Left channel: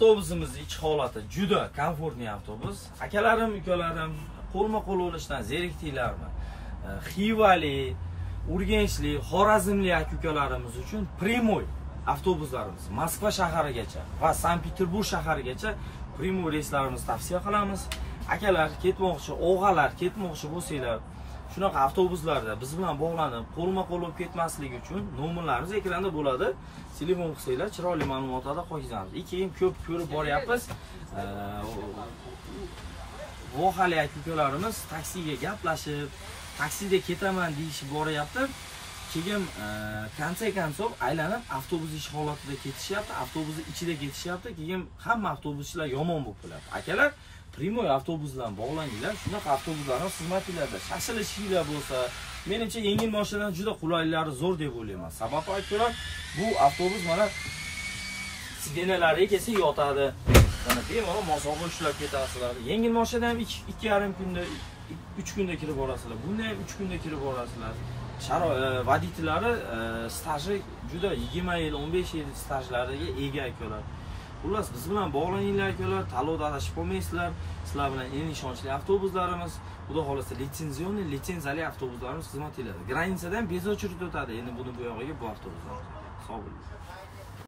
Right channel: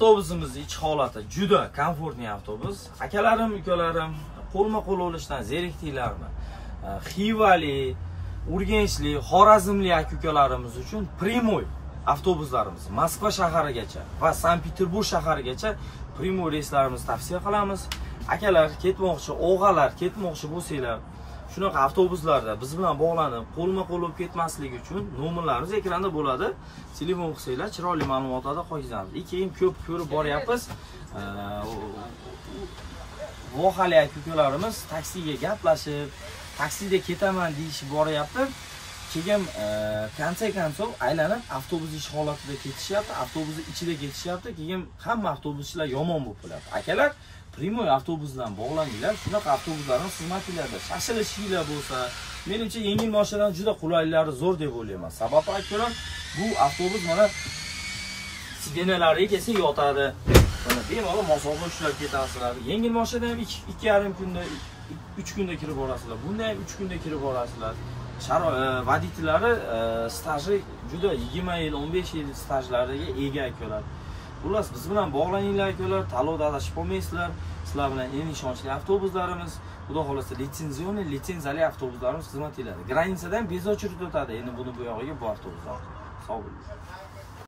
Avtobusimiz iç holati juda komfortli avtobus. Akalarim, ukalarim, qo'lma-qo'l olishdan zerikdinglarmi? Xivali, Urganchli, Xorazmli aka-ukalarimiz uchun Primoy avtobuslarimiz Moskva shaharigacha va Sankt-Peterburg shaharigacha Primoy reyslarimizni tavsiya qilamiz. Akalar ketmoqchi, o'g'alar ketmoqchi bo'lsanglar, shunaqa avtobuslarda biz bilan bog'lanib, qo'lma-qo'l bo'lib ketmasligi uchun nomerlarimiz ekranda bo'ladi. Telefon qilsanglar, chiroyli ma'lumotlarni qo'yamiz. Keyin ko'p ko'rib boryapmiz. Vohali aka-ukalarimiz taksiga gaplashib, taksida ketaman deyishib boryapti. Keyin konse-konsov aylanib avtobus ish holatida ketishyapti, avtobusning ichida ketishyapti. Keyin hamma avtobuschilar yomon bo'lib qoladi. Akalar, Primoy avtobus bilan bog'laninglar. Shunaqa avtobuslarning xizmatlarda shashilishinglar bo'lsa, menimcha yengil mashinadan juda qulaylari zo'r deb o'ylayman. Sababi akalar, bu avtobus mana sidenalariga kelsa yotadi. Mana bemalol masofa ushlab ketasizlar. Yengil mashinadan ham 2,5 kunda, 3 kunda kirib borasizlar. Bunda ham 3 kunda kirib borasizlar. Vodiylari staji juda 20 yil, 15 yil stajlariga ega akalar. Xullas, biz bilan bog'laninglar akalar, tanlovda adashib qolmaysizlar. Sizlar bilan eng ishonchli avtobuslarimiz, xudo xolasa litsenziyali avtobuslarimiz xizmat qiladi. Granitsadan bezochilik o'tadi. Endi buni bu yog'iga bu avtobuslar. Sog' bo'ling.